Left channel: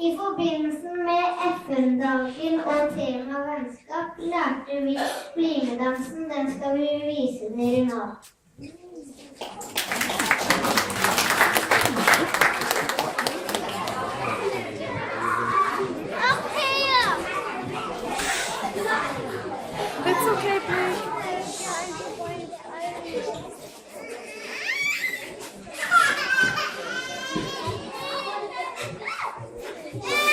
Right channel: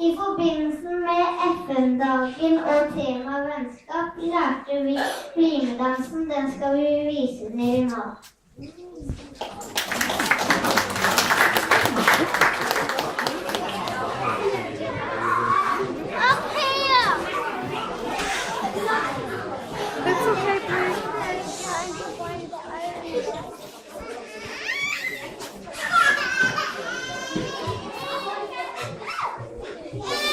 I forbindelse med FN-dagen og tema vennskap lærte vi BlimE-dansen. Den skal vi vise dere nå. Yeah.